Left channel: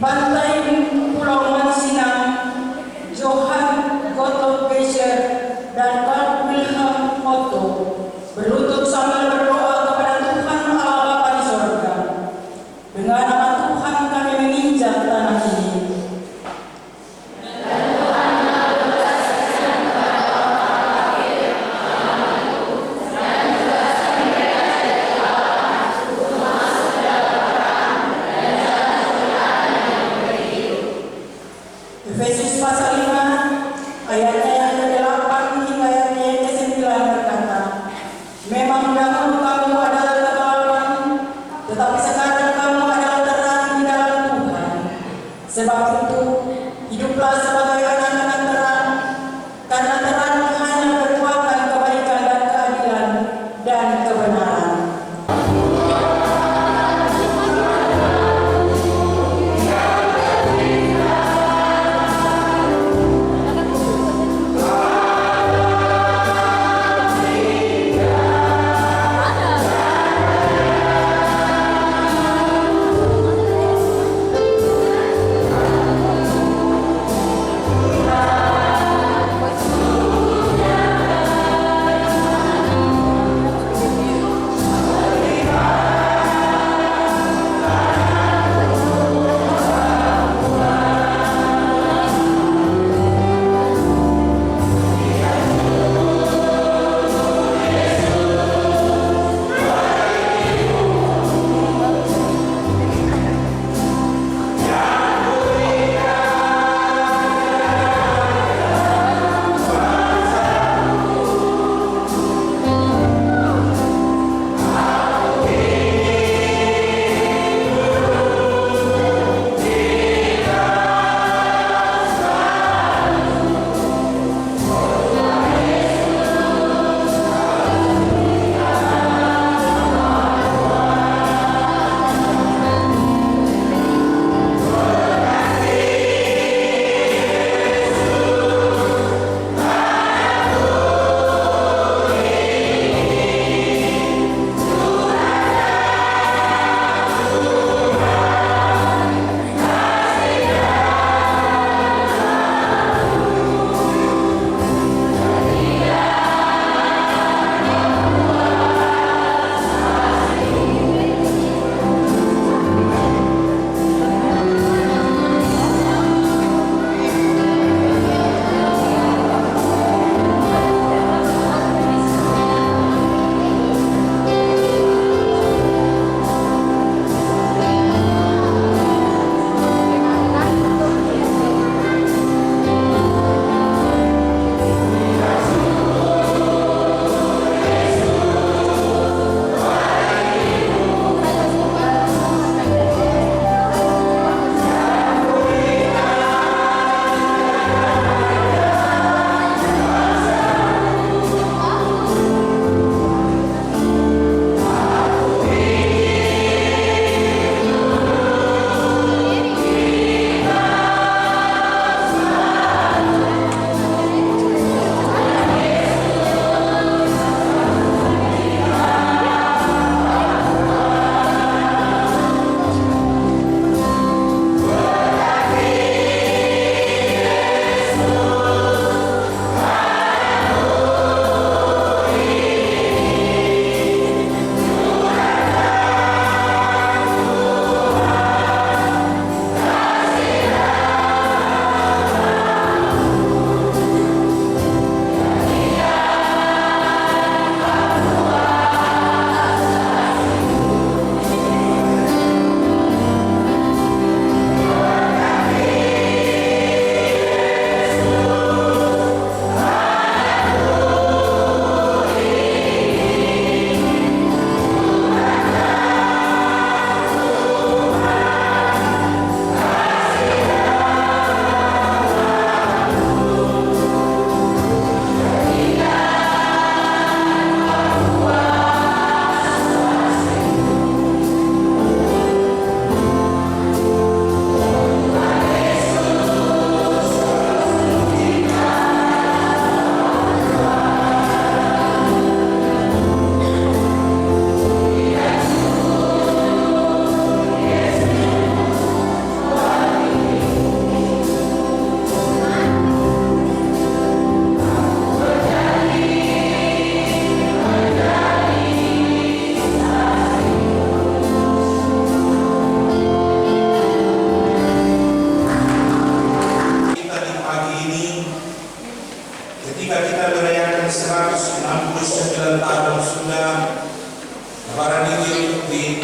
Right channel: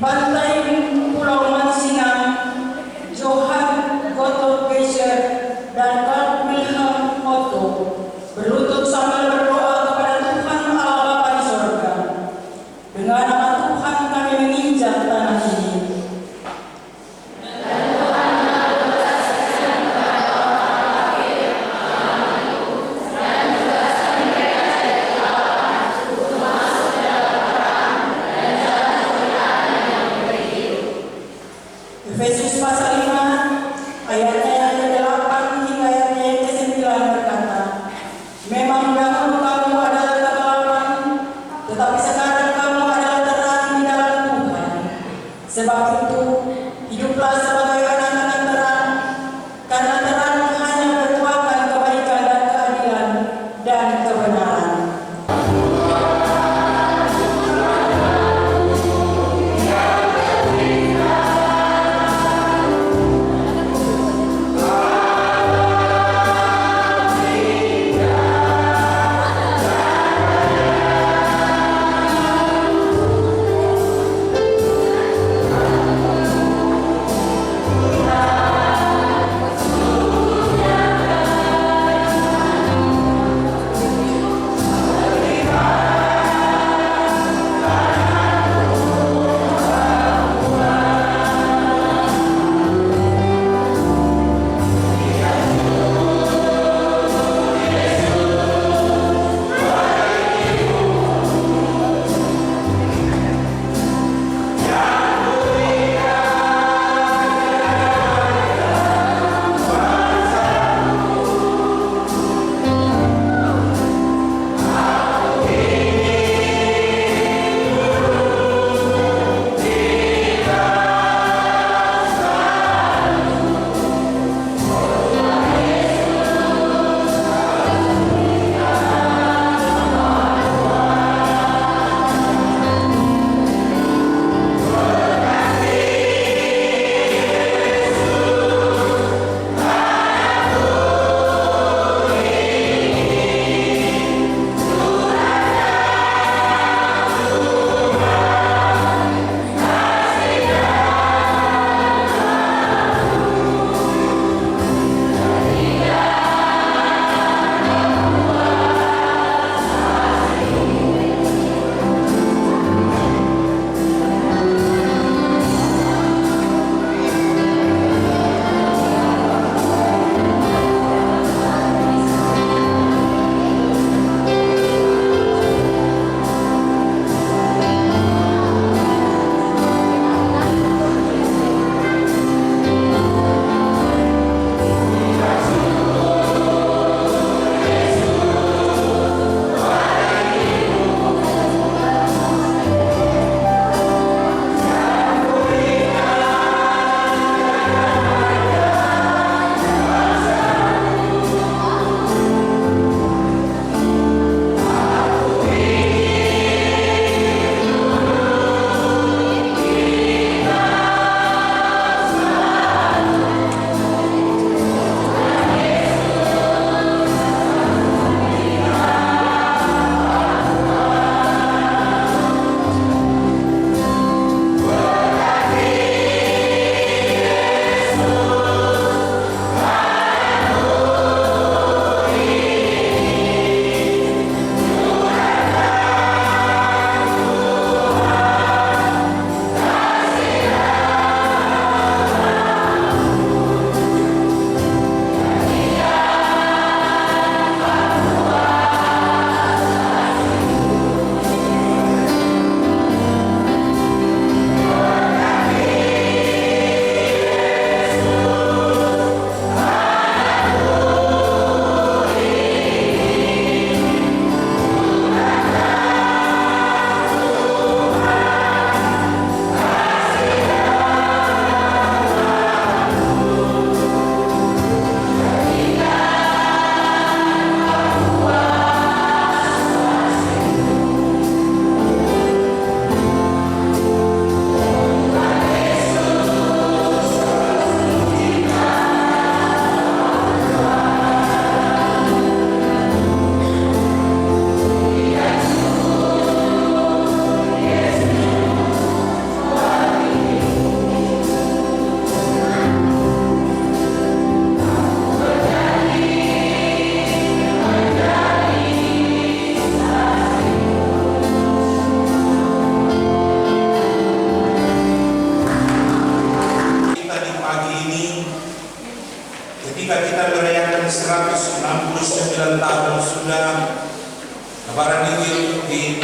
pantai Pulau Mansina, Johann Gottlob Geisler dan Carl Wilhelm Otto berlutut sambil berdoa kepada Tuhan Allah Bapa di sorga. Dengan nama Tuhan kami menginjak tanah ini. Efesus pasal 5 ayatnya yang ke-8 hingga ayatnya yang ke-9 berkata, memang dahulu kamu adalah kegelapan, tetapi sekarang kamu adalah terang di dalam Tuhan. Sebab itu, hiduplah sebagai anak-anak terang, karena terang hanya bertuakan kebaikan dan keadilan dan kebenaran.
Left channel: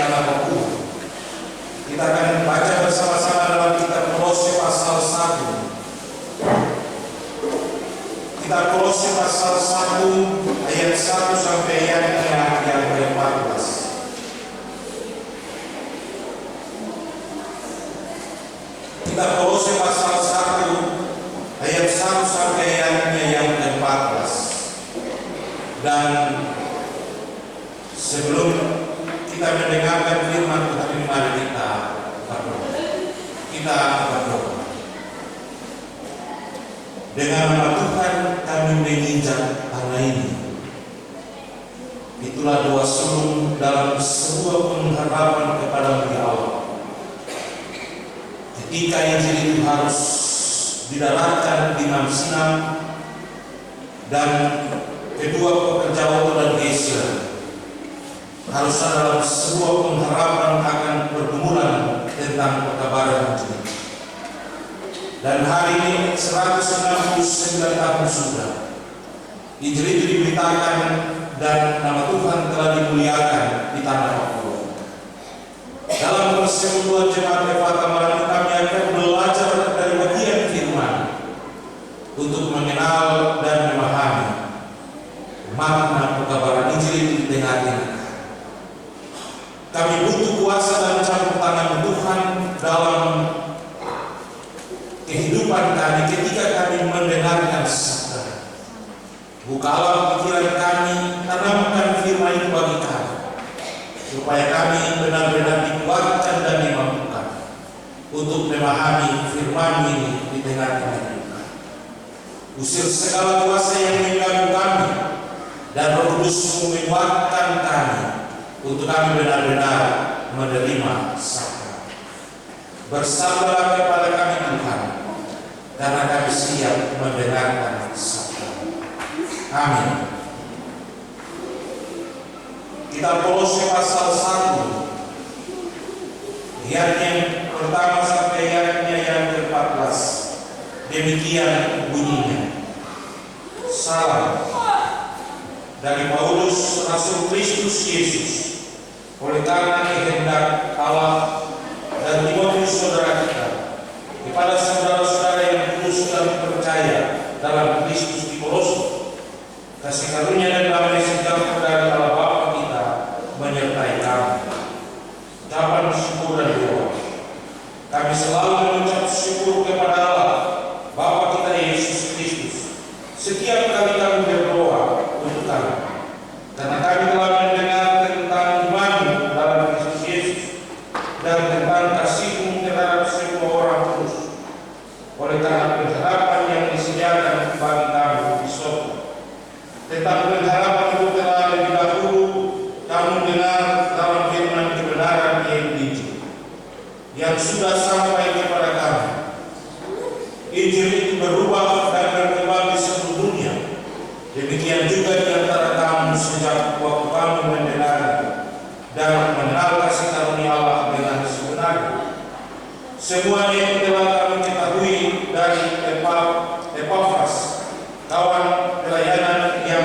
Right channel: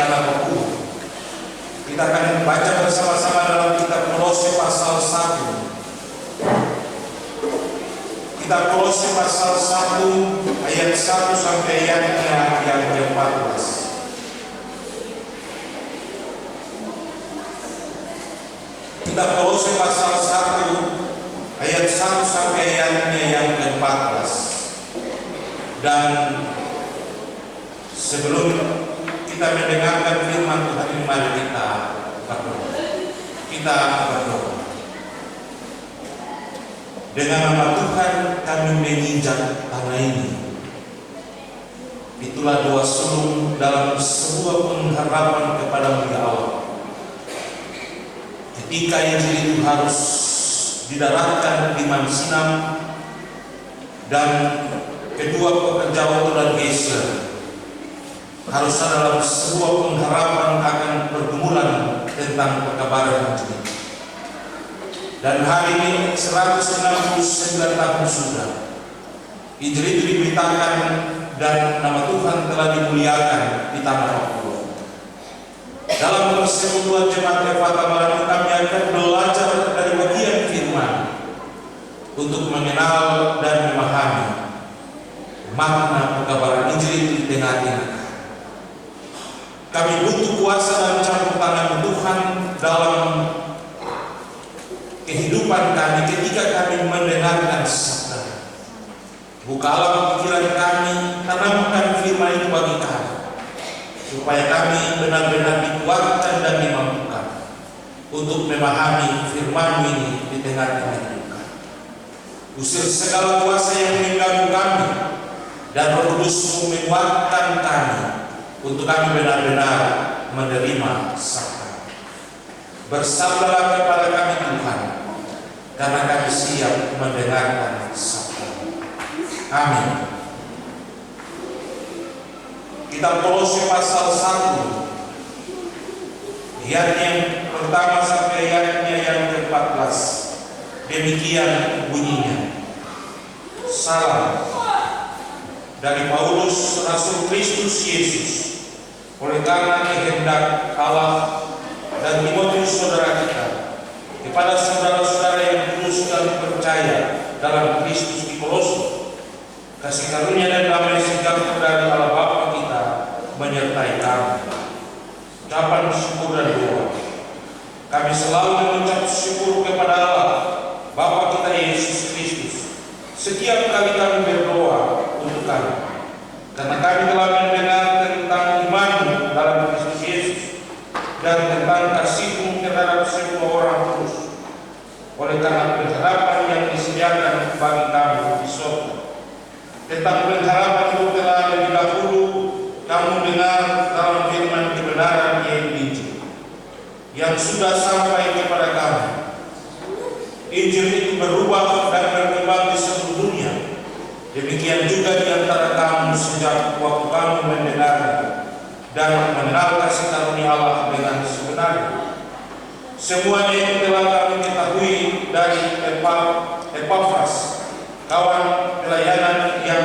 tanah Papua. Kita akan baca bersama-sama dalam kitab Kolose pasal 1. Kitab Kolose pasal 1 ayat 1 sampai ayatnya yang ke-14. Kitab Kolose pasal 1 ayat 1 sampai ayatnya yang ke-14. Dan sebelum kita mendengarkan firman Tuhan ini, mari kita berdoa. Kita berdoa. Dengan nama Tuhan kami menginjak tanah ini. Itulah doa sulung dalam sebuah pengharapan kepada Allah. Ketika Injil itu harus didaratkan di Mount Sinai dan kedua pekerja waktu dan geser, harus ada dalam sebuah pengharapan akan pergumulan tentang pekabaran Injil. Dan hari ini 169 tahun sudah Injil itu diberitakan dan nama Tuhan telah dimuliakan di tanah Papua. Dalam persekutuan jemaat Efata Malam kami akan belajar dari bagian firman untuk mengenal dan memahami makna pekabaran Injil itu di tengah-tengah. Kami butuh kuasa dan campur tangan Tuhan dalam kehidupan kami ketika kami mendengarkan sabda. Bukalah pikiran kami, tanamkan firman itu bagi kami, supaya kami benar-benar dikuatkan dan dimampukan untuk memahami firman ini di tengah-tengah kita. Usir segala kuasa yang mengganggu kami, dan Roh Kudus menguatkan kami untuk kami benar-benar menerima sabda. Bersabdalah kepada kami Tuhan, karena kami siap mendengarkan sabda. Amin. Kitab Kolose pasal 1 ayat yang pertama sampai ayatnya yang ke-14. Demikian bunyinya. Salam dari Paulus, Rasul Kristus Yesus, oleh karena kehendak Allah, dan Timotius saudara kita, kepada saudara-saudara yang kudus dan percaya dalam Kristus di Kolose, kasih karunia dan damai sejahtera dari Allah Bapa kita menyertai kami. Ucapan syukur dan doa. Kami selalu mengucap syukur kepada Allah Bapa kita Yesus Kristus setiap kali kami berdoa untuk kami, karena kami telah mendengar tentang iman dalam Kristus Yesus dan tentang kasih-Mu terhadap semua orang kudus, oleh karena pengharapan yang disediakan bagi kami di surga. Tentang pengharapan itu telah lebih dahulu kamu dengar dalam firman kebenaran yaitu Injil, yang sudah sampai kepada kami. Injil itu berubah dan berkembang di seluruh dunia. Demikian juga di antara kamu sejak waktu kamu mendengarnya dan mengenal kasih karunia Allah dengan sebenarnya. Semuanya itu telah kami ketahui dari Epafras, kawan pelayanan yang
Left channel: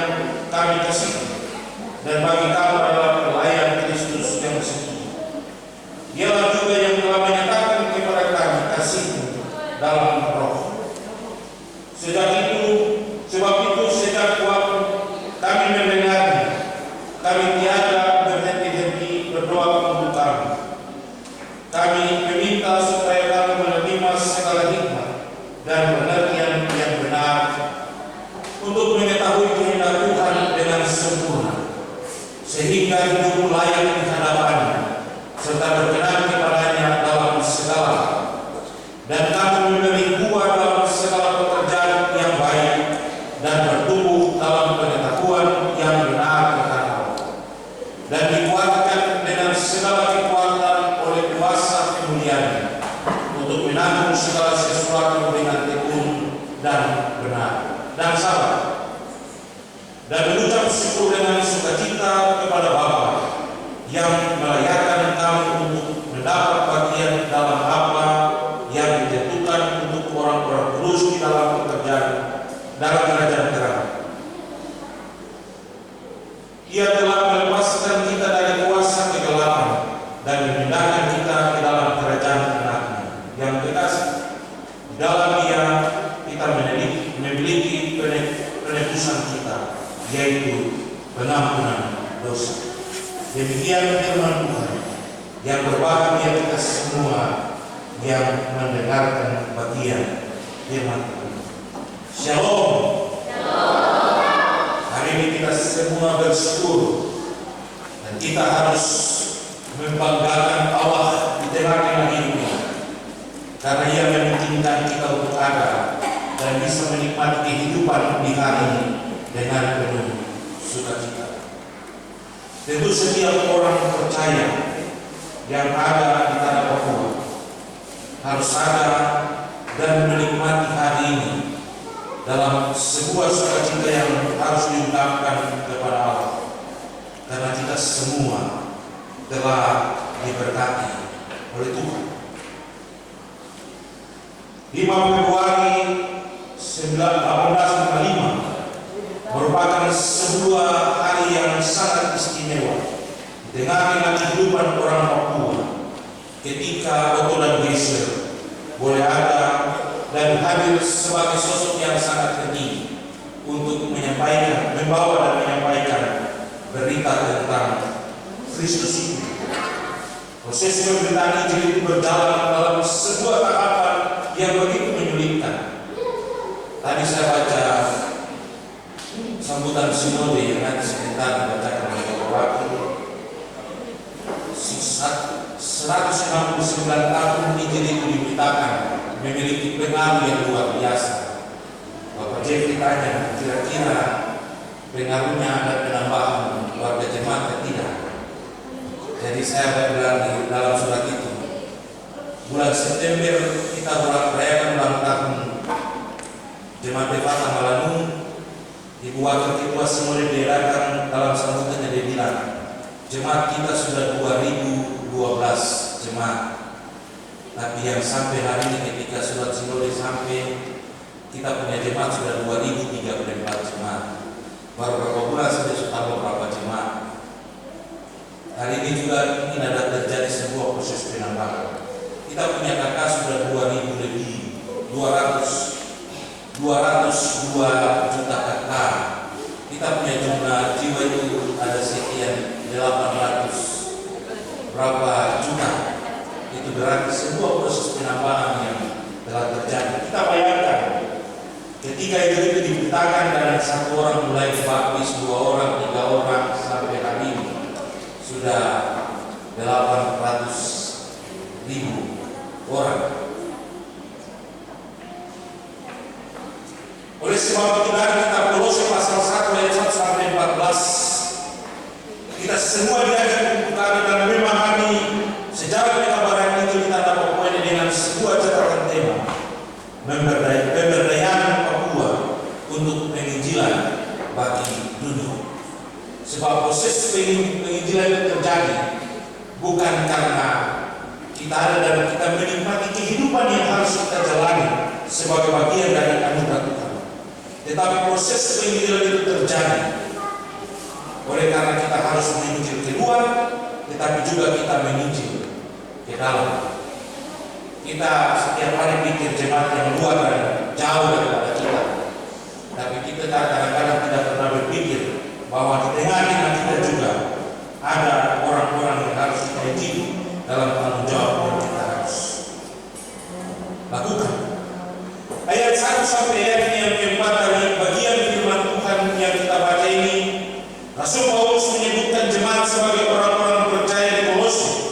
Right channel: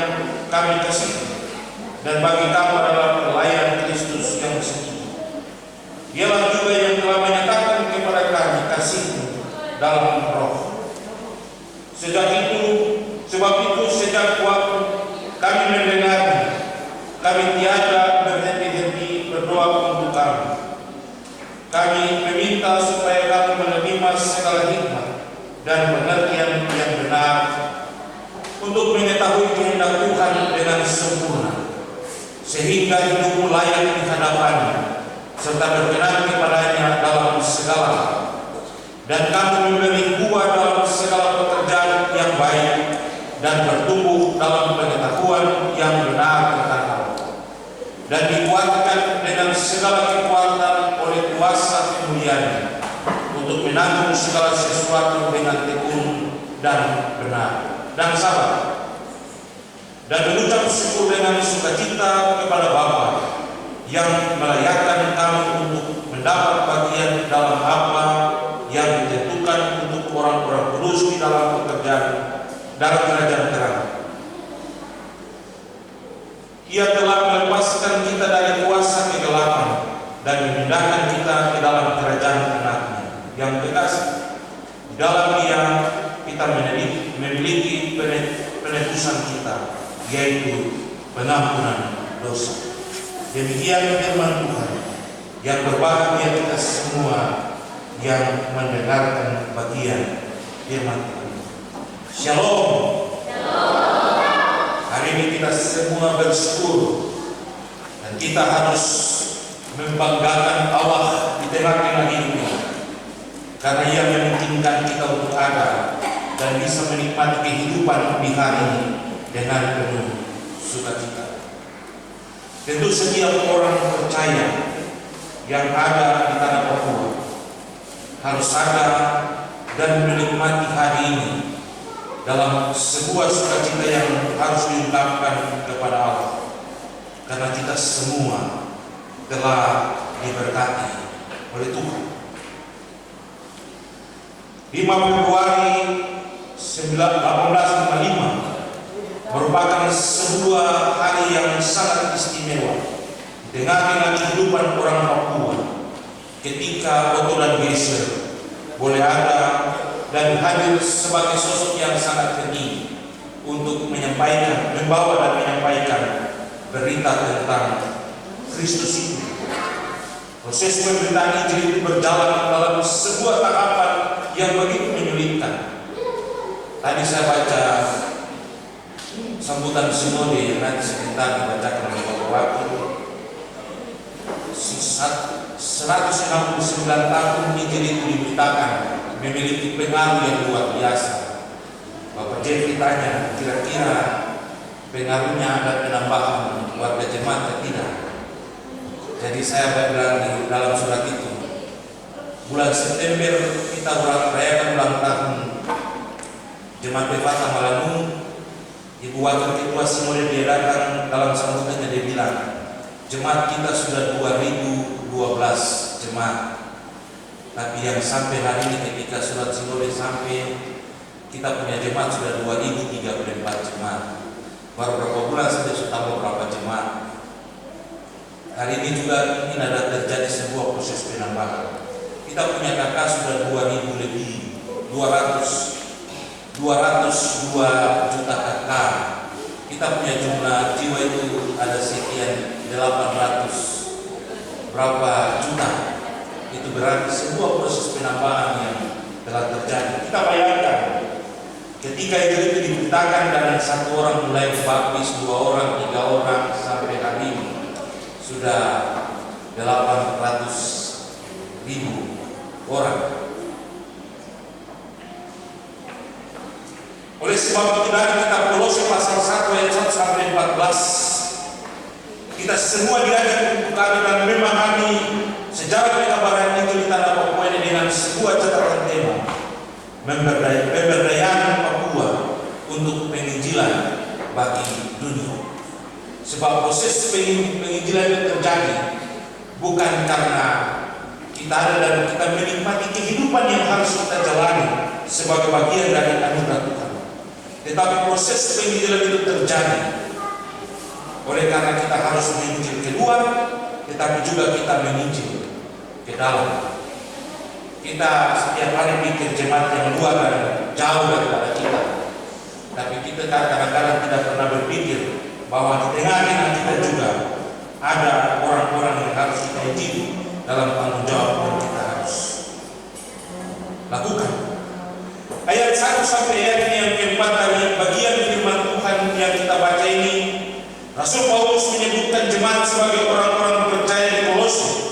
kami kasih, dan bagi kamu adalah pelayan Kristus yang setia. Dialah juga yang telah menyatakan kepada kami kasih-Mu dalam Roh. Sebab itu sejak waktu kami mendengarnya, kami tiada berhenti-henti berdoa untuk kamu. Kami meminta supaya kamu menerima segala hikmat dan pengertian yang benar untuk mengetahui kehendak Tuhan dengan sempurna, sehingga hidupmu layak di hadapannya serta berkenan kepadanya dalam segala hal, dan kamu memberi buah dalam segala pekerjaan yang baik dan bertumbuh dalam pengetahuan yang benar tentang Allah, dan dikuatkan dengan segala kekuatan oleh kuasa kemuliaan untuk menanggung segala sesuatu dengan tekun dan benar dan sabar, dan mengucap syukur dengan sukacita kepada Bapa yang melayakkan kamu untuk mendapat bagian dalam apa yang ditentukan untuk orang-orang kudus di dalam pekerjaan dalam kerajaan terang. Ia telah melepaskan kita dari kuasa kegelapan memindahkan kita ke dalam kerajaan anaknya yang kekasih. Di dalam Dia kita memiliki penebusan kita, yaitu pengampunan dosa. Demikian firman Tuhan. Yang berbahagia kita semua yang mendengarkan bagian firman Tuhan. Shalom. Hari ini kita semua bersyukur dan kita harus membanggakan Allah di tengah-tengah hidup ini, karena Ia memungkinkan kita untuk ada dan bisa menikmati kehidupan di hari ini dengan penuh sukacita. Tentu setiap orang percaya yang ada di tanah Papua harus ada dan menikmati hari ini dalam sebuah sukacita yang harus diungkapkan kepada Allah, karena kita semua telah diberkati oleh Tuhan. 5 Februari 1855 merupakan sebuah hari yang sangat istimewa di tengah-tengah kehidupan orang Papua, ketika Otto dan Geisler boleh ada dan hadir sebagai sosok yang sangat penting untuk membawa dan menyampaikan berita tentang Kristus itu. Proses pemberitaan Injil itu berjalan dalam sebuah tahapan yang begitu menyulitkan. Tadi saya baca sambutan sinode yang nanti sebentar dibacakan oleh Bapak Wakil. 169 tahun Injil itu diberitakan, memiliki pengaruh yang luar biasa. Bapak Jeffrey tanya, kira-kira pengaruhnya ada penambahan warga jemaat atau tidak? Jadi saya bilang di dalam surat itu, bulan September kita merayakan ulang tahun Jemaat Befata Malangung. Ibu Wakil Ketua Sinode dia datang, dalam sambutannya dia bilang, jemaat kita sudah 2012 jemaat. Tapi yang sampai hari ini ketika surat sinode sampai, kita punya jemaat sudah 2034 jemaat. Baru beberapa bulan saja sudah tambah berapa jemaat. Hari ini juga mungkin ada terjadi sebuah proses penambahan. Kita punya kakak sudah 2000 lebih, 202 juta kakak. Kita punya jumlah jiwa itu ada sekian 800 berapa juta. Itu berarti sebuah proses penambahan yang telah terjadi. Kita bayangkan ketika itu diberitakan dan satu orang mulai dibaptis, 2 orang, 3 orang, sampai hari ini sudah 800.000 orang. Oleh sebab itu dari kitab Kolose pasal 1 ayat 1 sampai 14, kita semua diajak untuk kami, dan memang kami sejarah pekabaran itu di tanah Papua ini dengan sebuah catatan tema pemberdayaan Papua untuk penginjilan bagi dunia. Sebab proses penginjilan itu terjadi bukan karena kita ada dan kita menikmati kehidupan yang harus kita jalani sebagai bagian dari anugerah Tuhan, tetapi proses penginjilan itu terjadi oleh karena kita harus menginjil keluar, tetapi juga kita menginjil ke dalam. Kita setiap hari pikir jemaat yang luar dan jauh daripada kita, tapi kita kadang-kadang tidak pernah berpikir bahwa di tengah-tengah kita juga ada orang-orang yang harus kita injili dalam tanggung jawab yang kita harus lakukan. Ayat 1 sampai ayat yang keempat dari bagian firman Tuhan yang kita baca ini, Rasul Paulus menyebutkan jemaat sebagai orang-orang percaya di Kolose,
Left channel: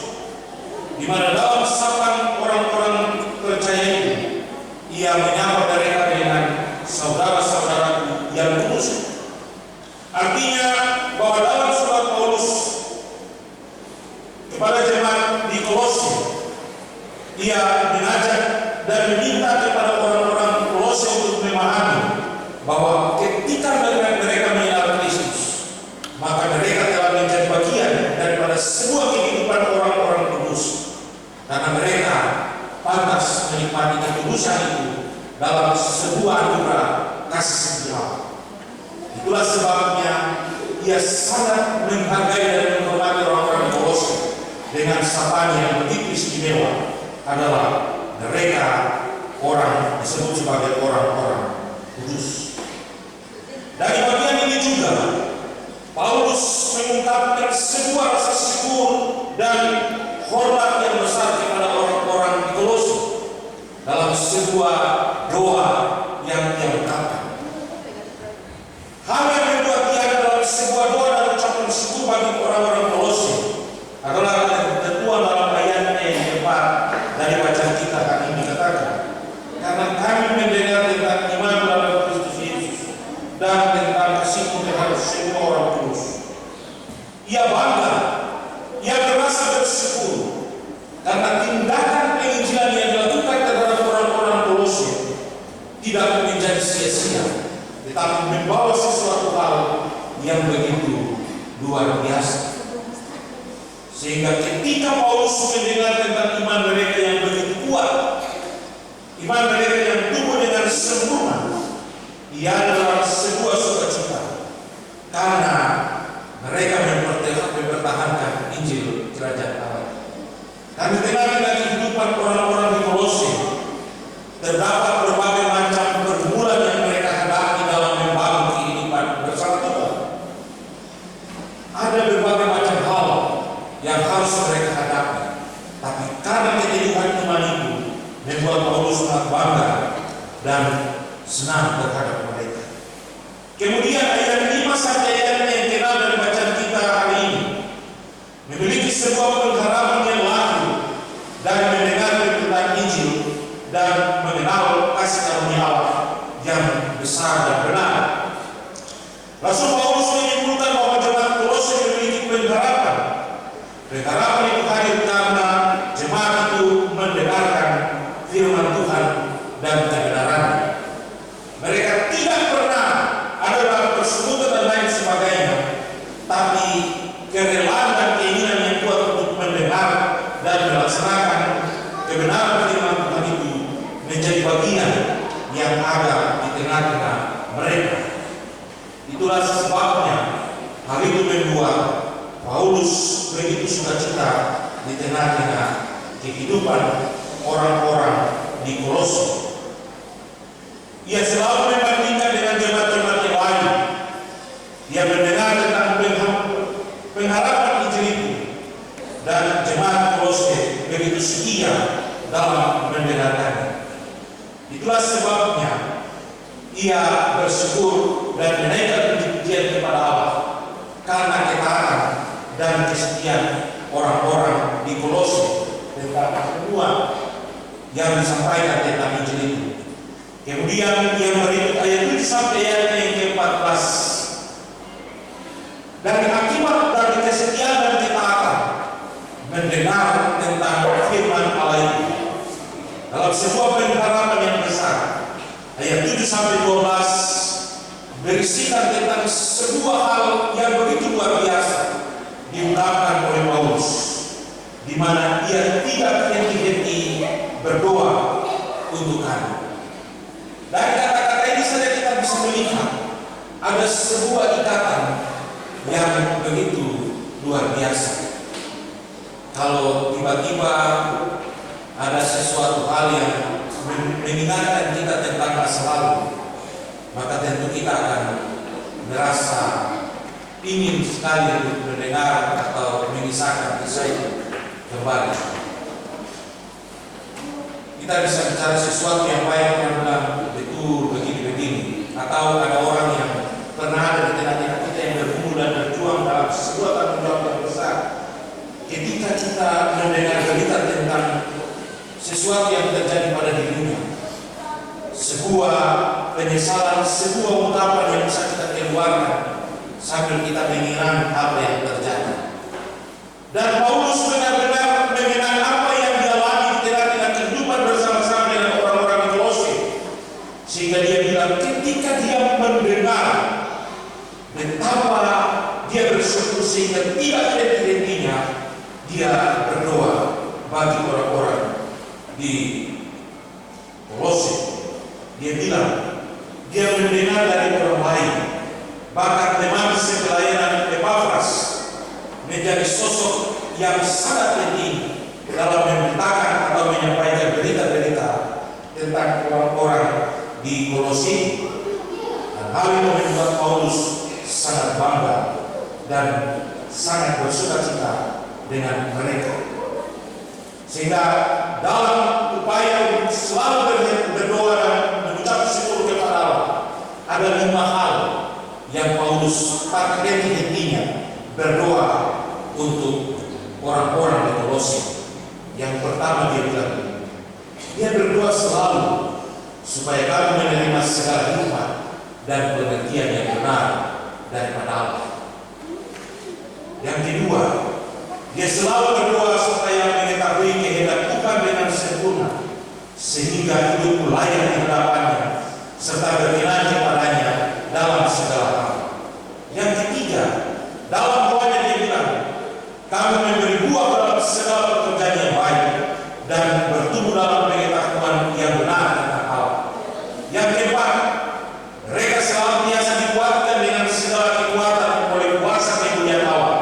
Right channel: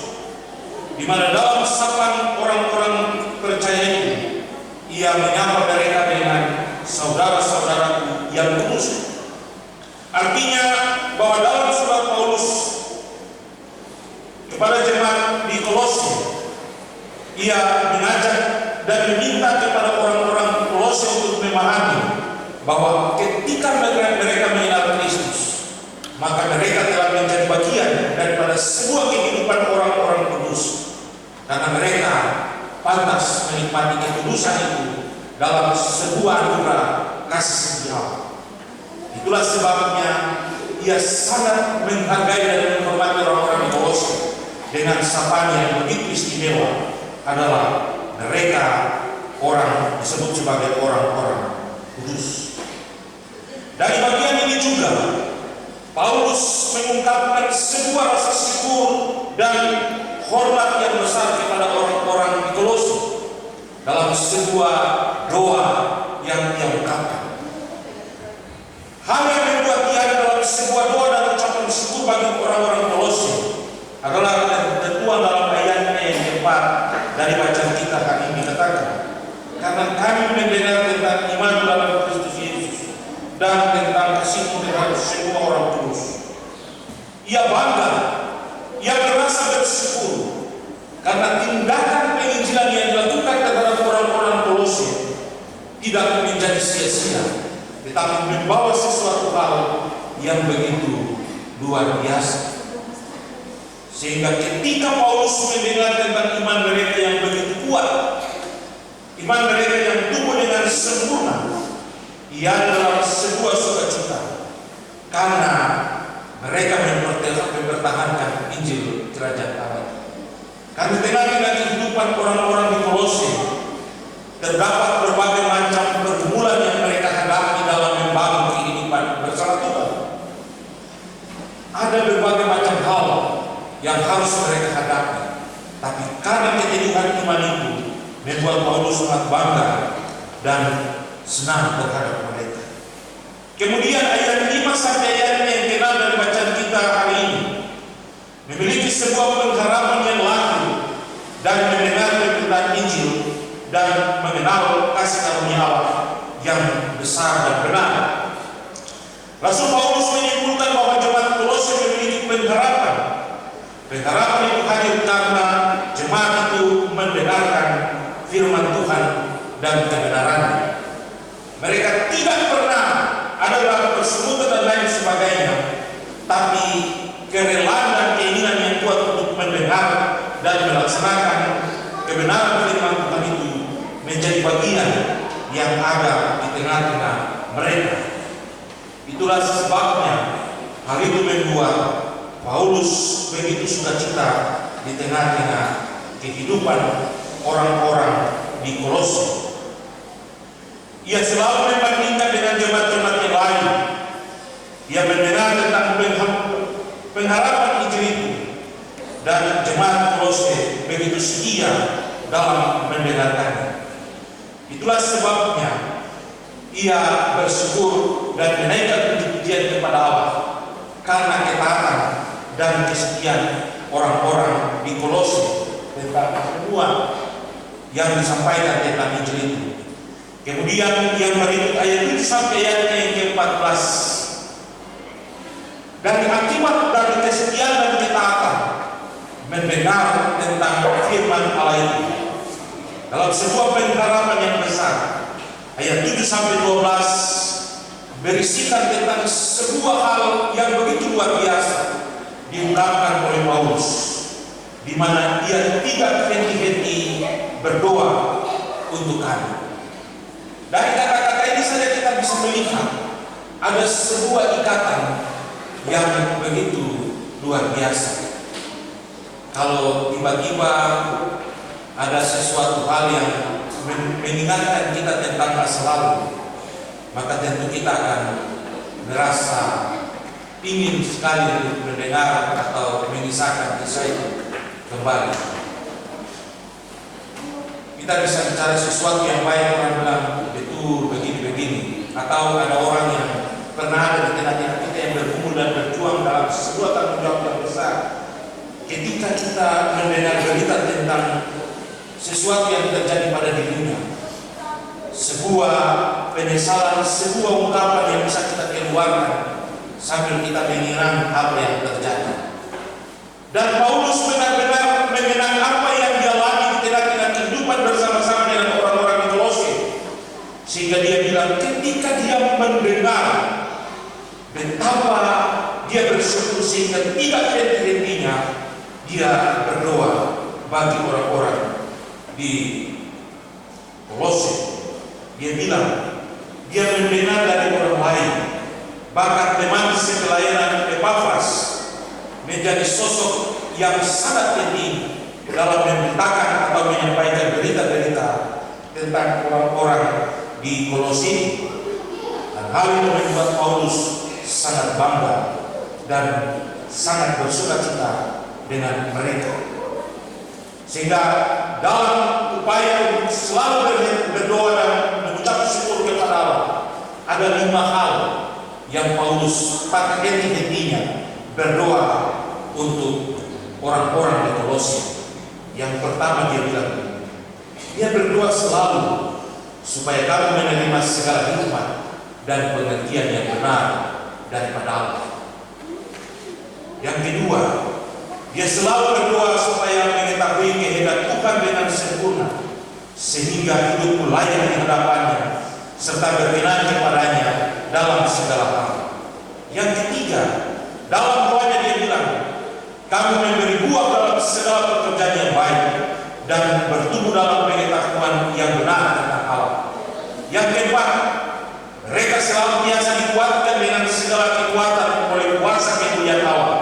di mana dalam sapaan orang-orang percaya itu ia menyapa mereka dengan saudara-saudaraku yang kudus. Artinya bahwa dalam surat Paulus kepada jemaat di Kolose, ia mengajak dan meminta kepada orang-orang Kolose untuk memahami bahwa ketika mereka mengenal Kristus, maka mereka telah menjadi bagian daripada sebuah kehidupan orang-orang kudus, karena mereka pantas menikmati kekudusan itu dalam sebuah anugerah kasih setia. Itulah sebabnya ia sangat menghargai dan menghormati orang-orang di Kolose, dengan sapaan yang begitu istimewa adalah mereka orang disebut sebagai orang-orang kudus. Dari bagian ini juga Paulus mengungkapkan sebuah rasa syukur dan hormat yang besar kepada orang-orang di Kolose dalam sebuah doa yang dia ungkapkan. Hal yang membuat dia dalam sebuah doa dan ucapan syukur bagi orang-orang Kolose adalah ketentuan dalam ayatnya yang keempat dari bacaan kita hari ini katakan, karena kami mendengar tentang iman dalam Kristus Yesus dan tentang kasihmu terhadap semua orang kudus. Ia bangga, ia merasa bersyukur karena tindakan penginjilan yang dilakukan terhadap orang-orang Kolose tidak menjadi sia-sia, tetapi membawa sesuatu hal yang begitu luar biasa. Sehingga ketika Paulus mendengar tentang iman mereka yang begitu kuat, iman mereka yang tumbuh dengan sempurna, ia adalah sebuah sukacita karena mereka mempertahankan Injil Kerajaan Allah. Karena tengah-tengah kehidupan orang-orang di Kolose terdapat berbagai macam pergumulan yang mereka hadapi dalam membangun kehidupan bersama Tuhan. Ada berbagai macam hal yang harus mereka hadapi, tapi karena keteguhan iman itu membuat Paulus sangat bangga dan senang terhadap mereka. Kemudian ayat 5 sampai ayat yang kenal dari bacaan kita hari ini memiliki sebuah pengharapan yang lahir dan mendengar tentang Injil dan mengenal kasih karunia Allah yang besar dan benar. Rasul Paulus menyimpulkan bahwa jemaat Kolose memiliki pengharapan. Pengharapan itu hadir karena jemaat itu mendengarkan firman Tuhan dan kebenarannya. Mereka tidak pernah ada persekutuan dan lain sebagainya, tapi kerelaan dan keinginan yang kuat untuk mendengar dan melaksanakan kebenaran firman Tuhan itu menjadi bagian yang ada di tengah-tengah mereka. Itulah sebabnya hal itu membuat Paulus begitu sukacita di tengah-tengah kehidupan orang-orang di Kolose. Ia selalu membandingkan dengan jemaat-jemaat yang lain. Ia mendengar tentang pengharapan Injil itu, dan jemaat Kolose begitu setia dalam mendengarkannya. Itulah sebabnya ia bersyukur dan menaikkan puji-pujian kepada Allah karena ketaatan dan kesetiaan orang-orang di Kolose tentang semua yang disampaikan tentang Injil itu. Kemudian yang berikut ayat 7 sampai ayat yang ke-14. Dan akibat dari kesetiaan dan ketaatan mendengar tentang firman Allah itu dalam sebuah pengharapan yang besar. Ayat 7 sampai 12 berisikan tentang sebuah hal yang begitu luar biasa diungkapkan oleh Paulus, di mana ia tidak henti-henti berdoa untuk kami. Dari kata-kata ini saja kita bisa melihat ada sebuah ikatan yang begitu luar biasa. Kalau tiba-tiba ada sesuatu hal yang mengingatkan kita tentang masa lalu, maka tentu kita akan merasa ingin sekali mendengar atau mengisahkan kisah itu kembali. Kita bisa bicara sesuatu yang baik, orang bilang betul begini-begini, atau ada orang yang pernah ada di tengah-tengah kita yang berkumpul dan berjuang dalam sebuah tanggung jawab yang besar. Ketika kita mendengar berita tentang sesuatu yang terjadi pada dirinya, sebuah penyesalan, sebuah ungkapan yang bisa kita keluarkan sambil kita mengingat apa yang terjadi. Dan Paulus benar-benar mengenang apa yang dia alami di tengah-tengah kehidupan bersama-sama dengan orang-orang di Kolose, sehingga dia bilang ketika dia mendengar betapa dia bersyukur sehingga tidak henti-hentinya dia berdoa bagi orang-orang di Kolose. Dia bilang dia mendengar dari orang lain, bahkan teman sepelayanan Epafras menjadi sosok yang sangat penting dalam memberitakan atau menyampaikan berita-berita tentang orang-orang di Kolose. Dan hal itu membuat Paulus sangat bangga dan sangat bersukacita dengan mereka. Sehingga dalam upaya untuk selalu berdoa dan mengucap syukur kepada Allah, ada 5 hal yang Paulus henti-hentinya berdoa untuk orang-orang di Kolose. Yang pertama dia bilang, dia berdoa selalu supaya kamu menerima segala hikmat dan pengertian yang benar daripada Allah. Yang kedua, dia selalu berdoa supaya mengetahui kehendak Tuhan dengan sempurna, sehingga hidupmu layak di hadapannya serta berkenan kepadanya dalam segala hal. Yang ketiga, dalam doanya dia bilang, kamu memberi buah dalam segala pekerjaan yang baik dan bertumbuh dalam pengetahuan yang benar tentang Allah. Yang keempat, mereka selalu biasa dikuatkan dengan segala kekuatan oleh kuasa kemuliaan Allah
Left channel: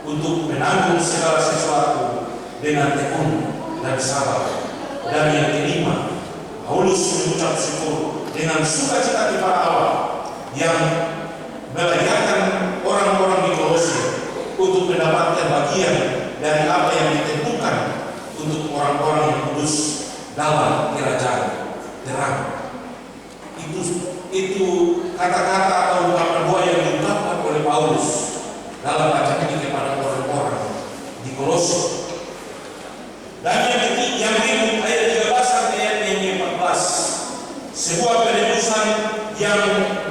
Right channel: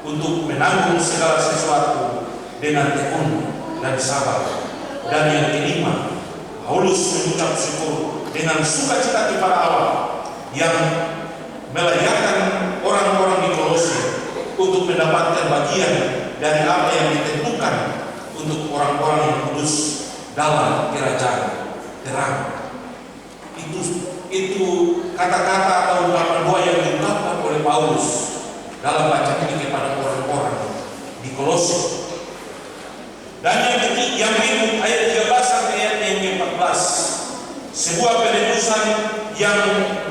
untuk menanggung segala sesuatu dengan tekun dan sabar. Dan yang kelima, Paulus mengucap syukur dengan sukacita kepada Allah yang melayakkan orang-orang di Kolose untuk mendapatkan bagian dari apa yang ditentukan untuk orang-orang yang kudus dalam kerajaan terang. Itu kata-kata atau ungkapan doa yang diungkapkan oleh Paulus dalam bacaan ini kepada orang-orang di Kolose. Dan yang berikut ayat 13 sampai ayat yang 14, sebuah penebusan yang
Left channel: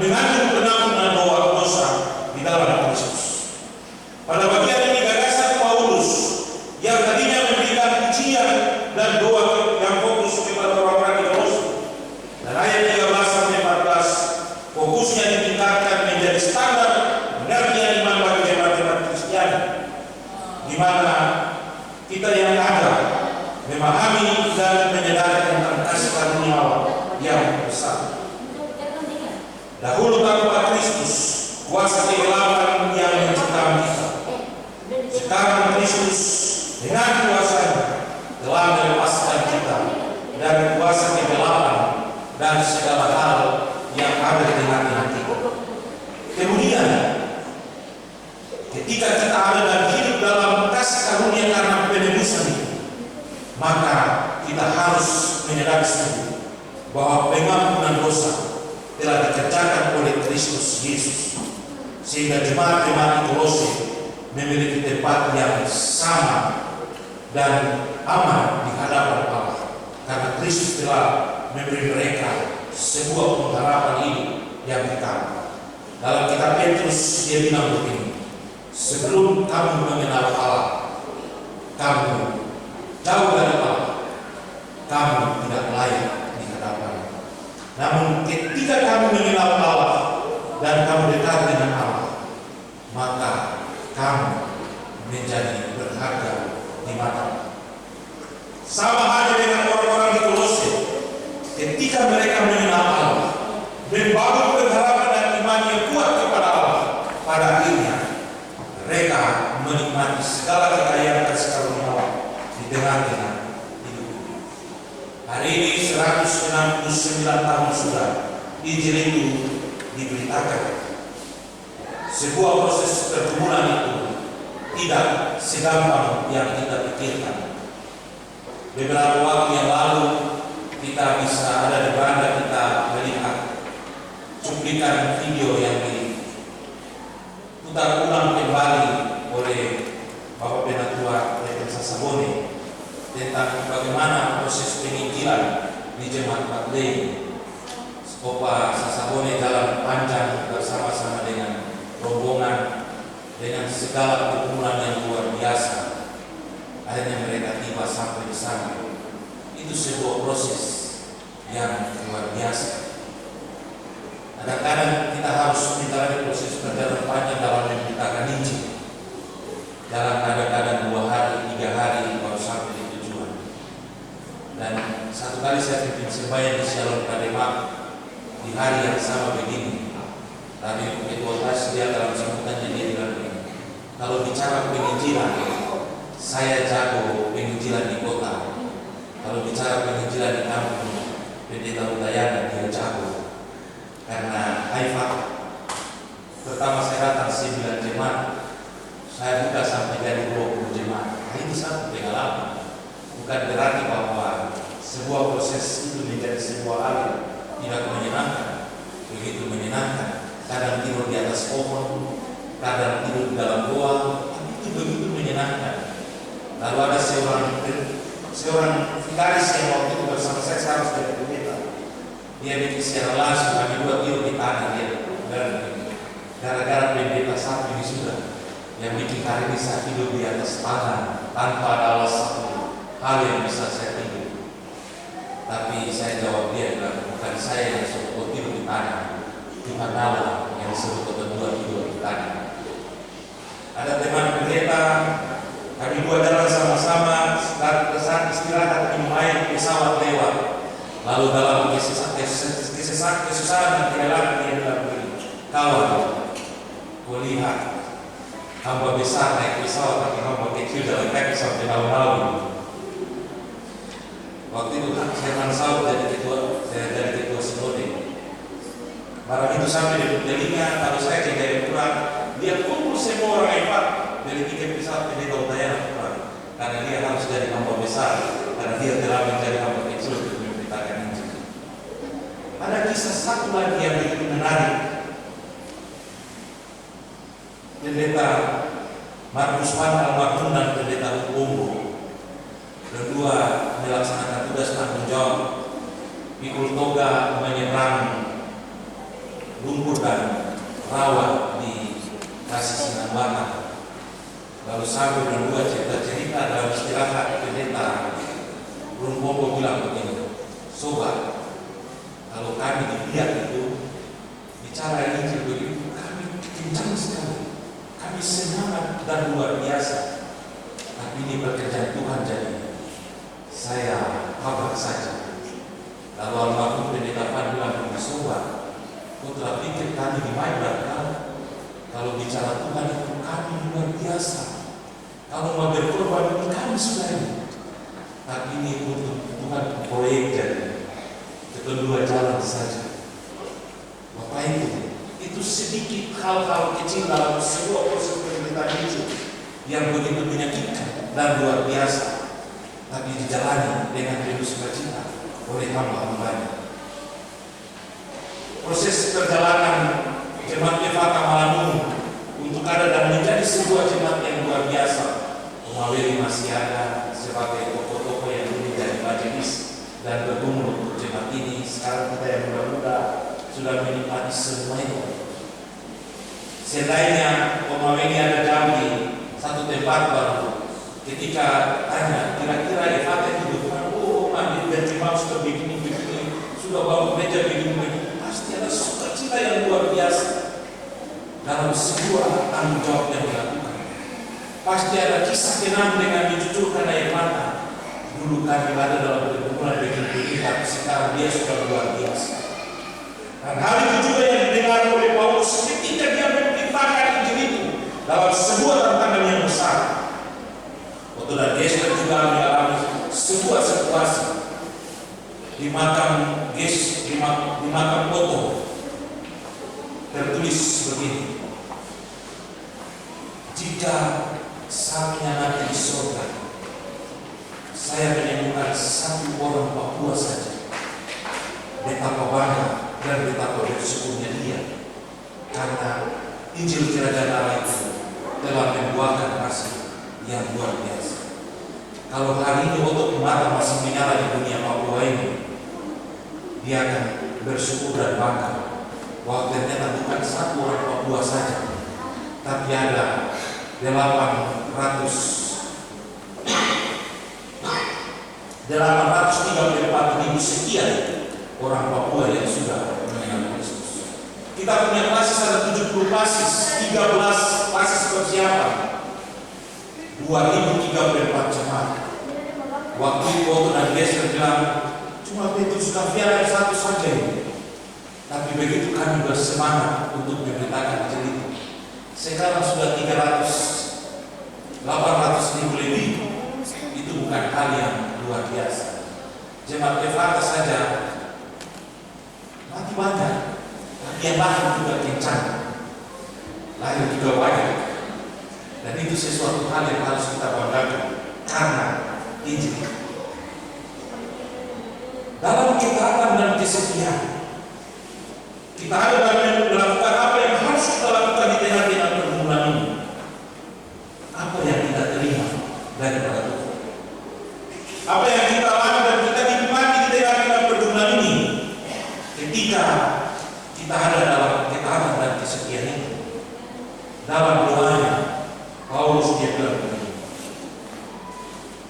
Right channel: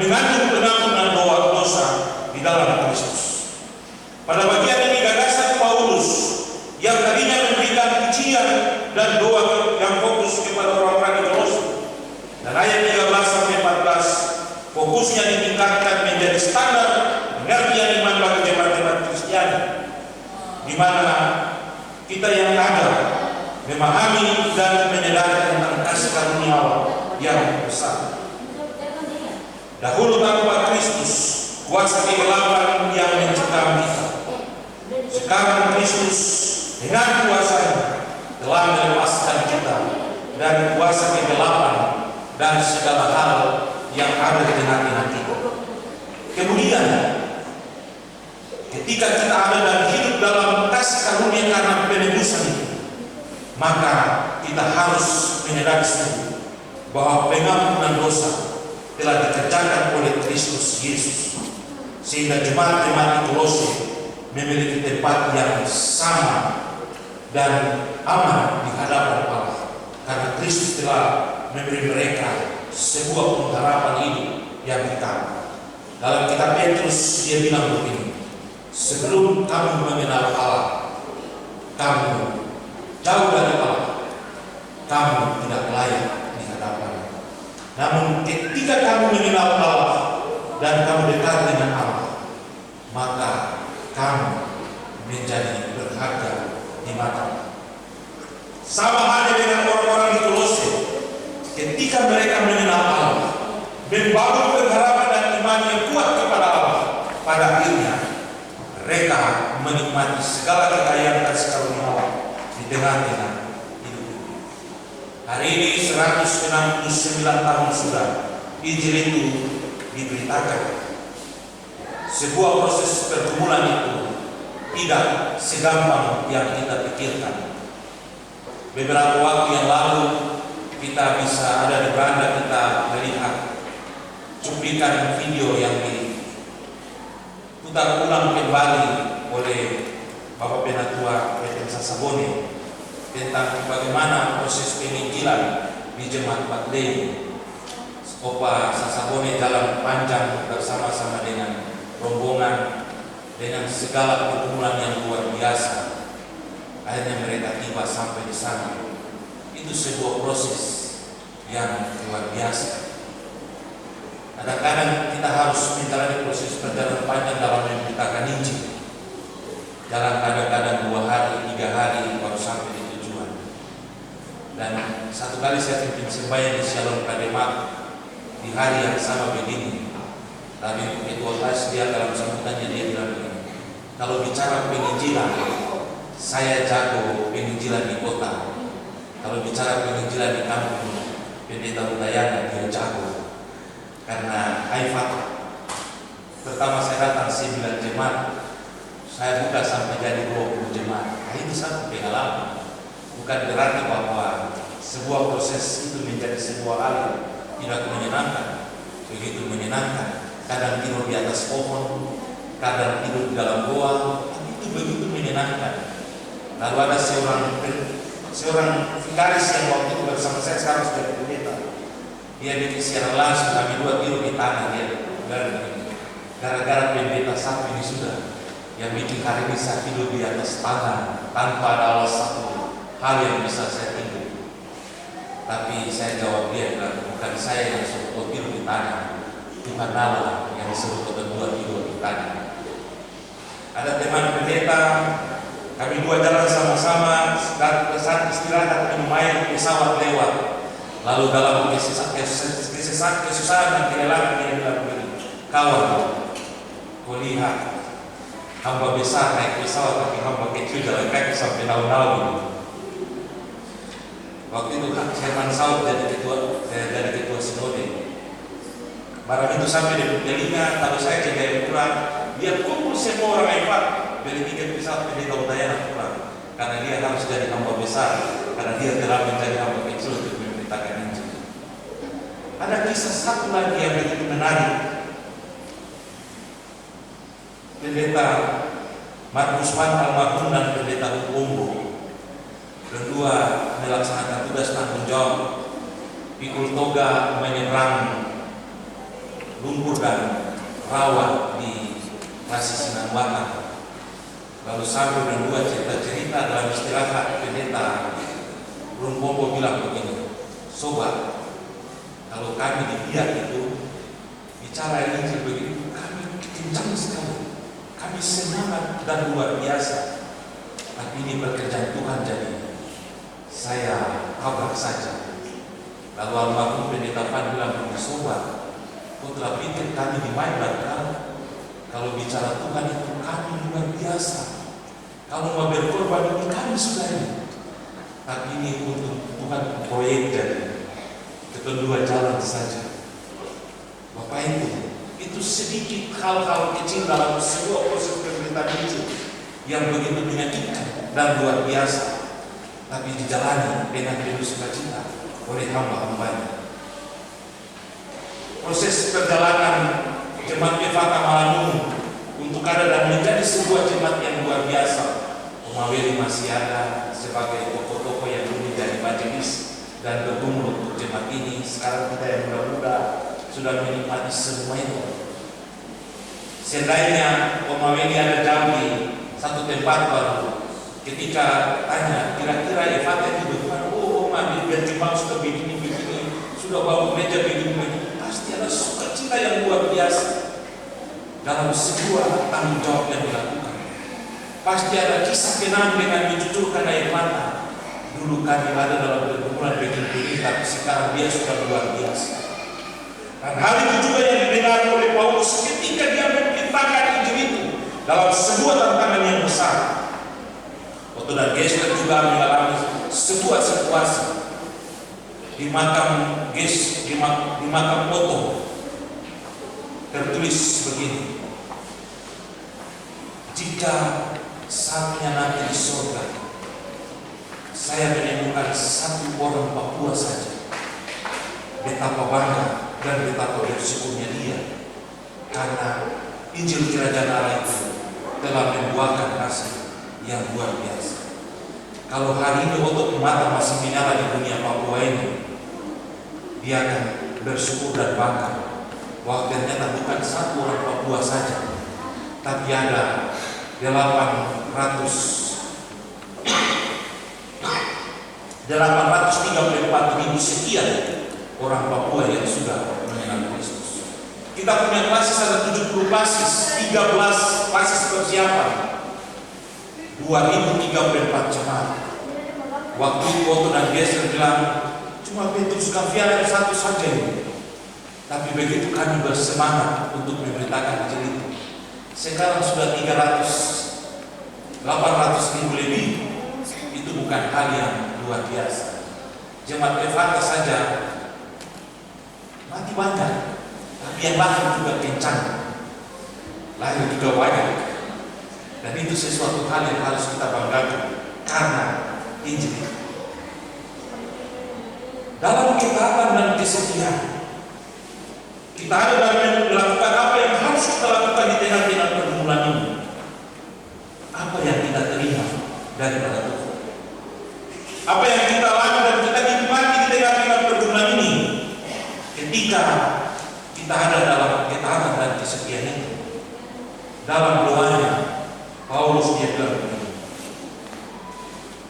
mengandung penampungan dosa di dalam Kristus. Pada bagian ini gagasan Paulus yang tadinya memberikan pujian dan doa yang fokus kepada orang-orang di Kolose. Dan ayat 13 sampai 14 fokusnya ditingkatkan menjadi standar pengertian iman bagi jemaat-jemaat Kristiani, di mana kita yang ada memahami dan menyadari tentang kasih karunia Allah yang besar. Dahulu tanpa Kristus, kuasa kegelapan yang mencekam kita. Sekarang Kristus dengan kuasanya telah melepaskan kita dari kuasa kegelapan dan segala hal yang ada di hati-hati. Kemudian, ketika kita ada dan hidup dalam kasih karunia karena penebusan itu, maka kita harus menyadari sungguh bahwa pengampunan dosa telah dikerjakan oleh Kristus Yesus, sehingga jemaat-jemaat di Kolose memiliki tempat yang sama dan aman di hadapan Allah, karena Kristus telah memberi mereka sebuah pengharapan hidup yang kekal. Dalam kitab Petrus dia bilang begini, sebelum kamu mengenal Allah, kamu jauh dari Allah, kamu tidak layak di hadapan. Namun ketika kamu mengenal Allah dan kamu dekat dengan Allah, maka kamu menjadi berharga di mata Allah. Sama halnya dengan orang-orang di Kolose, ketika mereka mengenal Allah, membangun pengharapan dan iman yang kuat kepada Allah, pada akhirnya mereka menikmati segala kekayaan kasih karunia Allah di tengah-tengah hidup. Hari ini 169 tahun sudah Injil itu diberitakan. Sebuah proses pergumulan itu tidak segampang yang kita pikirkan. Beberapa waktu yang lalu kita bisa ada di beranda, kita melihat cuplikan video yang diputar ulang kembali oleh Bapak Penatua Reverend Sasabone tentang bagaimana proses penginjilan di Jemaat Batley. Opa Sasabone jalan panjang bersama-sama dengan rombongan dengan segala pergumulan yang luar biasa. Akhirnya mereka tiba sampai di sana. Itu sebuah proses yang luar biasa. Kadang-kadang kita harus menjalani proses perjalanan panjang dalam memberitakan Injil. Dalam kadang-kadang 2 hari, 3 hari baru sampai di tujuan. Dan satu kali saya pimpin sembahyang di Shalom Kademak di hari yang sama begini. Tapi ketua tas dia dalam sambutannya dia bilang begini, kalau bicara penginjilan, saya jago penginjilan di kota. Kalau bicara penginjilan di kampung, Pendeta Udayana dia jago. Karena Haifat, pertama saya datang 9 jemaat, saya buka sampai jadi 20 jemaat. Nah, ini satu pengalaman. Bukan berarti bahwa sebuah proses itu menjadi sebuah hal tidak menyenangkan. Begitu menyenangkan. Kadang tidur di atas pohon, kadang tidur di dalam goa, tapi itu begitu menyenangkan. Lalu ada seorang vikaris yang waktu itu bersama saya sekarang sudah pendeta. Dia bikin secara langsung, kami dua tidur di tanah dia. Gara-gara pendeta satu ini sudah yang bikin hari ini saya tidur di atas tanah tanpa ada alas satu hal yang bisa saya tidur. Tapi saya jawab dia bilang, bukan saya yang suruh tidur di tanah, Tuhan Allah yang suruh berdua tidur di tanah. Ada teman pendeta, kami dua jalan sama-sama, saat istirahat minum air, pesawat lewat. Lalu dalam kesusahan dan kelelahan dia bilang begini, kawan, kau lihat hamba besar naik pesawat, tapi hamba kecil jalan kaki sampai tahun-tahun. Waktu itu Herman Saud jadi ketua sinode. Barang itu sampai di telinga, kalau saya jadi pulang, dia kumpul semua orang hebat beli tiket pesawat Pendeta Udayana pulang. Karena dia harus jadi hamba besar, karena dia telah menjadi hamba kecil untuk memberitakan Injil. Ada kisah satu lagi yang begitu menarik. Pendeta Markus Van almarhum dan Pendeta Hukumbo berdua melaksanakan tugas tanggung jawab pikul toga menyeberang lumpur dan rawa di Kasih Sinanwata. Lalu sambil berdua cerita-cerita dalam istirahat, Pendeta Hukumbo bilang begini, sobat, kalau kami di Biak itu bicara Injil begitu, kami kencang sekali, kami semangat dan luar biasa. Tapi ini pekerjaan Tuhan jadi saya kabar saja. Lalu almarhum Pendeta Van bilang, sobat, kau telah pikir kami di Maibar kan? Kalau bicara Tuhan itu kami luar biasa. Kalau mau berkorban itu kami sudah ini. Tapi ini untuk Tuhan proyek jadi kedua jalan saja. Bapak itu sedikit hal-hal kecil dalam sebuah proses pemberitaan Injil yang begitu menyakitkan dan luar biasa, tapi dijalani dengan penuh sukacita oleh hamba-hambanya. Proses perjalanan jemaat Efata Malamun untuk ada dan menjadi sebuah jemaat yang luar biasa. Omaweli masih ada sebagai tokoh-tokoh yang menjadi majelis dan bergumul untuk jemaat ini. Sekarang kita yang muda-muda sudah menikmati semua itu. Seandainya Omaweli ada Jambi, satu tempat baru. Ketika tanya, kira-kira Efata itu bukan, Oma, biar jemaat sudah begini, sudah bangun meja begini, pasti ada sukacita yang luar biasa dalam sebuah tanggung jawab yang dilakukan. Pasti ada kisah kenang dengan mencucurkan air mata. Dulu kami ada dalam perkumpulan begini, tapi sekarang dia sudah luar biasa. Dan hal itu juga yang didengar oleh Paulus ketika dia memberitakan Injil itu dalam sebuah tantangan yang besar. Otto dan Gessler juga mengalami sebuah situasi di makam Otto tertulis begini, jika saatnya nanti di surga saya menemukan satu orang Papua saja, betapa bangga dan betapa bersyukurnya dia, karena Injil Kerajaan Allah itu telah membuahkan hasil yang luar biasa. Kalau hari ini untuk mata masih menyala di dunia Papua ini, dia akan bersyukur dan bangga bahwa ternyata bukan satu orang Papua saja, tapi ada 834.000 sekian orang Papua yang sudah mengenal Kristus. Kita punya klasis ada 70 klasis, 13 klasis persiapan, 2034 jemaat. Waktu itu Otto dan Gessler bilang, cuma Petrus Gavian satu saja ini. Tapi begitu kami bersemangat untuk memberitakan Injil itu, sekarang sudah 300 800.000 lebih itu bukan hal yang luar biasa. Jemaat Efata saja mati banyak, tapi yang lahir juga kencang, lahir juga banyak. Dan itu sesuatu hal yang harus kita banggakan karena Injil. Dalam ketaatan dan kesetiaan, kita ada dalam melakukan apa yang harus kita lakukan di tengah-tengah pergumulan ini. Apa yang kita terima daripada Tuhan, apa yang kita lakukan dan kita nikmati di tengah-tengah pergumulan ini, ketika kita ada dalam ketaatan dan kesetiaan itu. Dalam doanya Paulus dia bilang begini,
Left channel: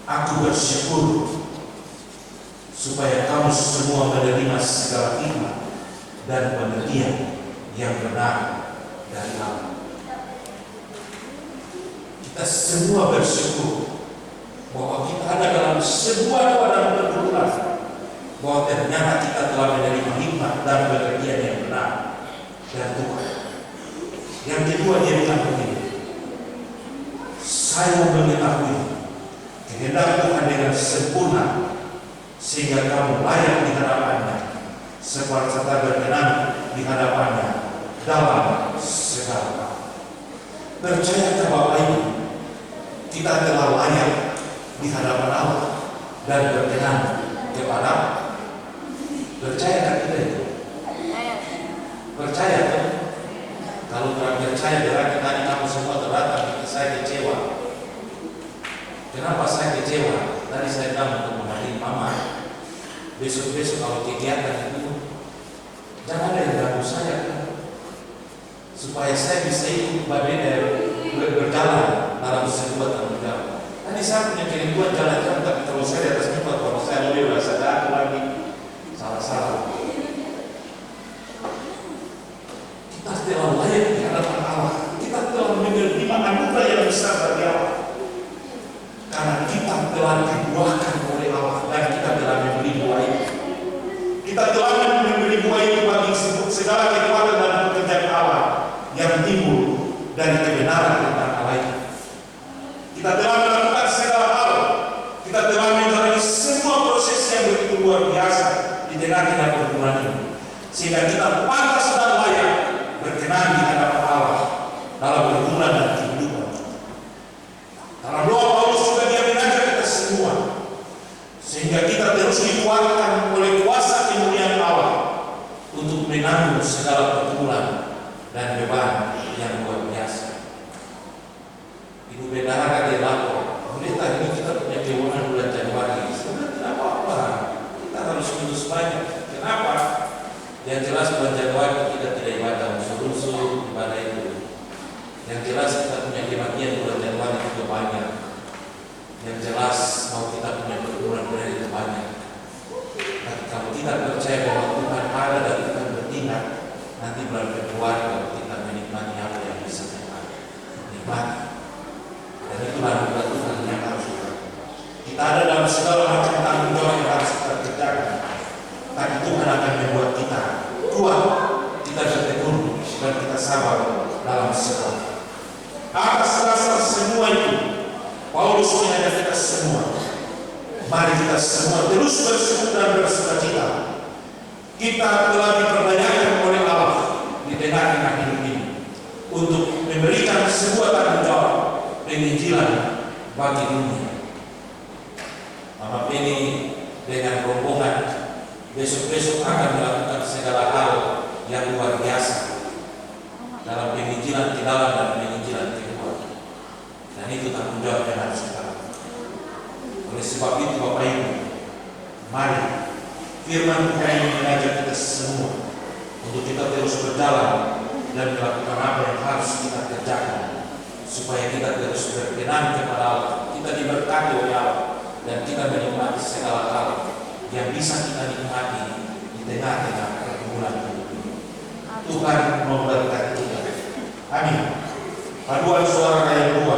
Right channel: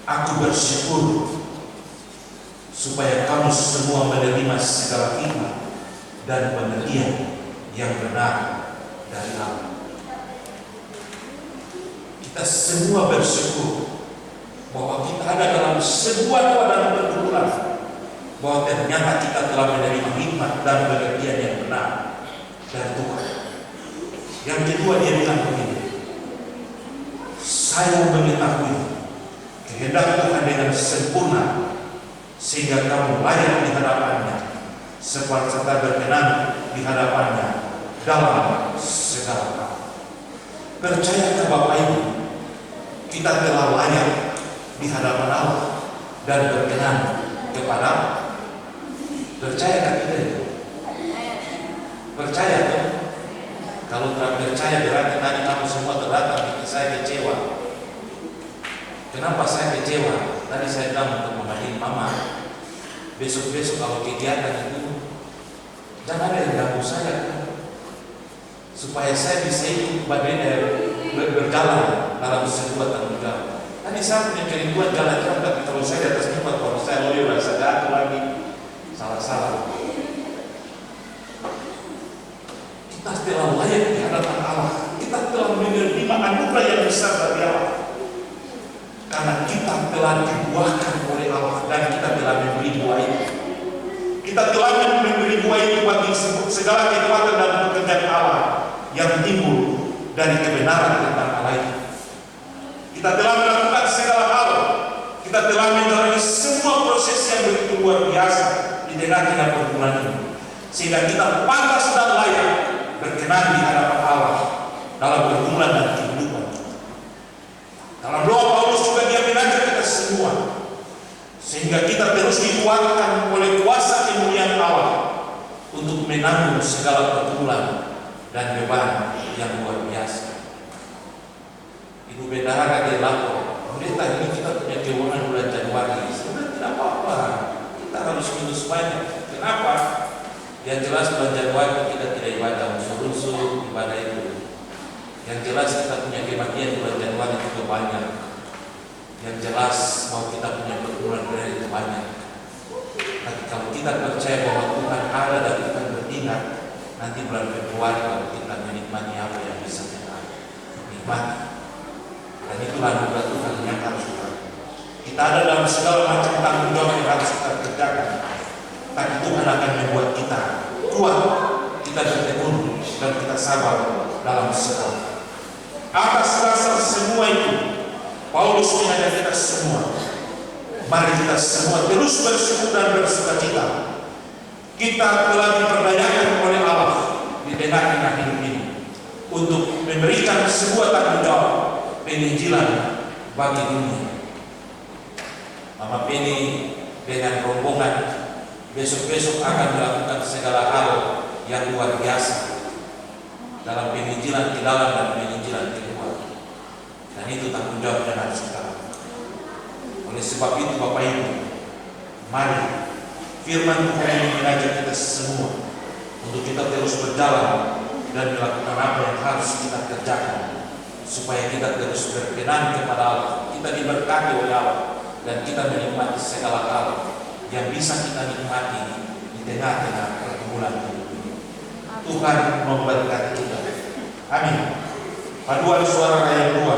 aku bersyukur supaya kamu semua menerima segala hikmat dan pengertian yang benar dari Allah. Kita semua bersyukur bahwa kita ada dalam sebuah keadaan pergumulan, bahwa ternyata kita telah menerima hikmat dan pengertian yang benar dari Tuhan. Yang kedua dia bilang begini, saya mengetahui kehendak Tuhan dengan sempurna, sehingga kamu layak di hadapannya, serta berkenan di hadapannya dalam segala hal. Percaya ke Bapak Ibu, kita telah layak di hadapan Allah dan berkenan kepada. Percaya kita itu? Percaya kan? Kalau tidak percaya berarti tadi kamu semua terdatang, saya kecewa. Kenapa saya kecewa? Tadi saya bilang untuk memanggil mama, besok-besok kalau kegiatan itu jangan ada yang ganggu saya kan? Supaya saya bisa ikut berjalan dalam sebuah tanggung jawab. Tadi saya punya kerinduan jalan-jalan, tapi kalau saya di atas mimbar, kalau saya lalu rasa jatuh lagi, salah-salah. Kita telah layak di hadapan Allah. Kita telah menerima anugerah yang besar dari Allah. Karena kita telah dibuahkan oleh Allah dan kita telah memberi buah itu. Kita telah memberi buah itu bagi segala kekuatan dan pekerjaan Allah yang timbul dari kebenaran tentang Allah itu. Kita telah melakukan segala hal. Kita telah menjalani semua proses yang begitu luar biasa di tengah-tengah pergumulan ini, sehingga kita pantas dan layak berkenan di hadapan Allah dalam pergumulan dan kehidupan. Dalam doa Paulus juga dia mengajak kita semua, sehingga kita terus dikuatkan oleh kuasa kemuliaan Allah untuk menanggung segala pergumulan dan beban yang luar biasa. Ibu Bendahara dia lapor, pendeta ini kita punya kewenangan bulan Januari. Sebenarnya tidak apa-apa, kita harus minus banyak. Kenapa? Yang jelas bulan Januari kita tidak ibadah unsur-unsur ibadah itu. Yang jelas kita punya kematian bulan Januari itu banyak. Yang jelas mau kita punya pergumulan itu banyak. Tapi kalau kita percaya bahwa Tuhan ada dan kita bertindak, nanti bulan Februari kalau kita menikmati apa yang bisa kita nikmati. Dan itulah anugerah Tuhan yang harus kita ada dalam segala macam tanggung jawab yang harus kita kerjakan. Tapi Tuhan akan membuat kita kuat, kita bertekun dan kita sabar dalam segala. Atas dasar semua itu, Paulus mengajak kita semua, mari kita semua terus bersyukur dan bersukacita. Kita telah diperdayakan oleh Allah di tengah-tengah hidup ini untuk memberikan sebuah tanggung jawab penginjilan bagi dunia. Mama Penny dengan rombongan besok-besok akan melakukan segala hal yang luar biasa dalam penginjilan di dalam dan penginjilan di luar. Dan itu tanggung jawab yang harus kita lakukan. Oleh sebab itu Bapak Ibu, mari firman Tuhan ini mengajak kita semua untuk kita terus berjalan dan melakukan apa yang harus kita kerjakan supaya kita terus berkenan kepada Allah, kita diberkati oleh Allah dan kita menikmati segala hal yang bisa kita nikmati di tengah-tengah pergumulan ini. Tuhan memberkati kita. Amin. Paduan suara yang dua.